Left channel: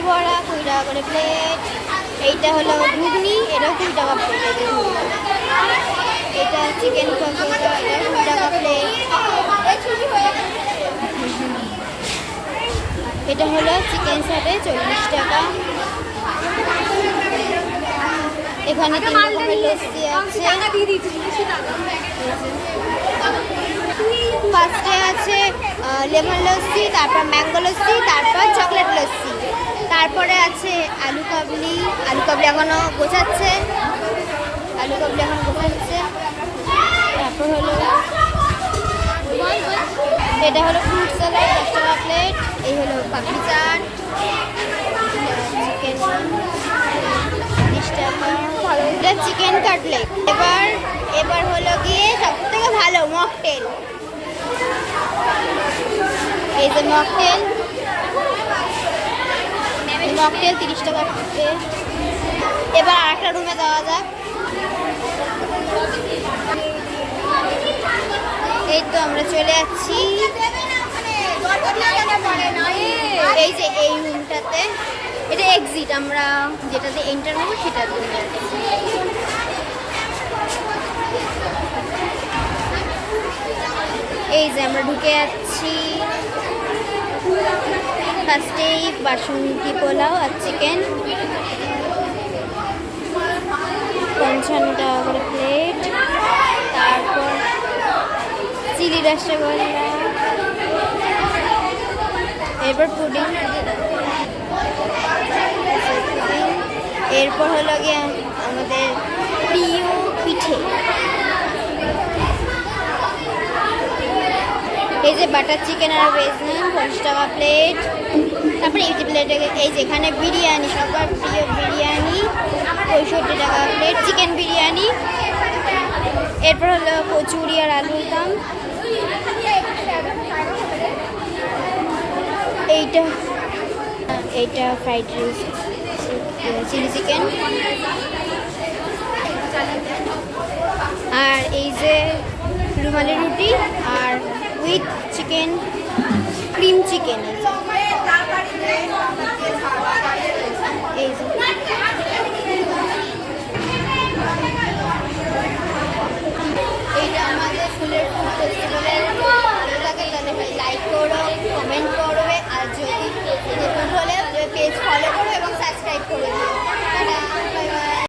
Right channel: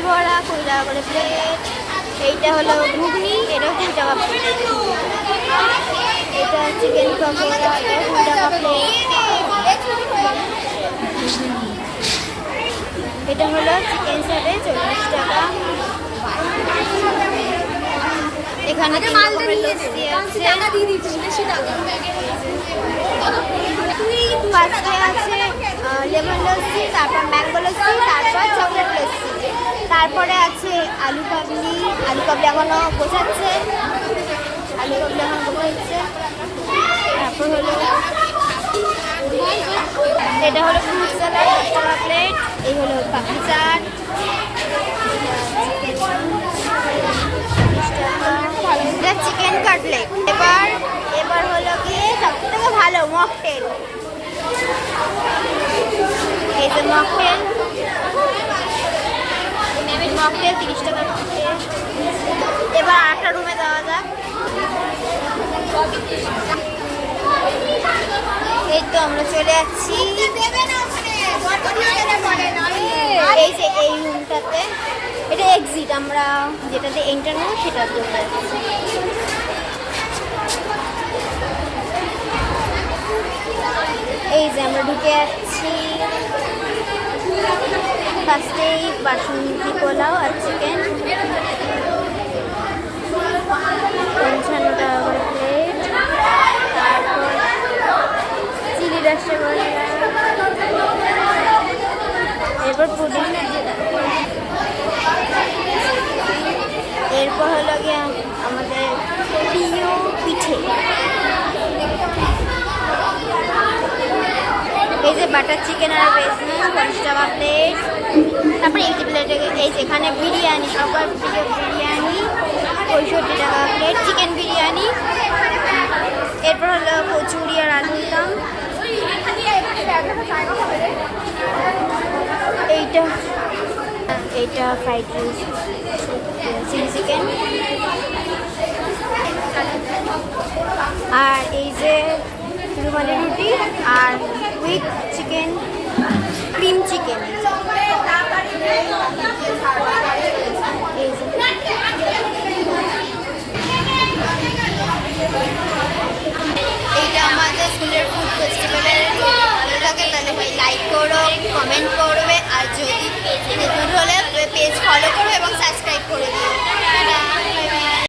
দই বড়া 20 টাকা করে প্লেট। এইটা হলো ঘুগনি, এটাও 20 টাকা প্লেট। এটা চিকেন পকোড়া, এটা 20 টাকা প্লেট। এটা হলো চিকেন সাথে 40 টাকা। এখানে 3 রকমের লস্যি আছে। ফার্স্টে আছে লেমন লস্যি, তারপর ম্যাঙ্গো লস্যি, তারপর চকলেট লস্যি। তারপরে আছে আলু কাবলি। আলু কাবলি এখনো গোছাচ্ছে, তারপর হলো এটা হলো ফ্রুট স্যালাড 10 টাকা প্লেট। এই হলো পাপড়ি চাট, চিকেন কাটলেট। এবার হলো গিয়ে সব থেকে ভালো মকটেল। এই যে মকটেল 30 টাকা প্লেট। এবার আরেকটা রুমে যাওয়া যাক। এই তো আমরা চলে যাচ্ছি এই যে এই রুমটাতে। এটা এক্সিট, আমরা যেটাতে এন্টার হবো সেটার জন্য যাচ্ছি। এই যে আমরা ঢুকে যাচ্ছি। ফার্স্টেই বাসন্তী পোলাও আর চিকেন 55 টাকা করে প্লেট। তারপর চিলি রসগোল্লা, এরপর পুডিং, এরপর হলো গিয়ে আমাদের প্রিয় পিঠে। এই যে বাটার চিকেন আর ভেজমেন 50 টাকা প্লেট। তারপরে এই প্লেটে এই যেখানে বিরিয়ানি, সবার প্রিয় বিরিয়ানি 65 টাকা প্লেট, চিকেন বিরিয়ানি। এরপর হলো কচুরি আর আলুর দাম। এইটা ফ্রাইড রাইস, চিলি চিকেন। আর এই যে রুমালি রুটি আর উইথ চিকেন, ক্রিম চিকেন। এইটা আমাদের ফুলের ফুড ফেস্টিভ্যালের। ভালো লাগে তাহলে ভাই লাইক করো, কমেন্ট করো।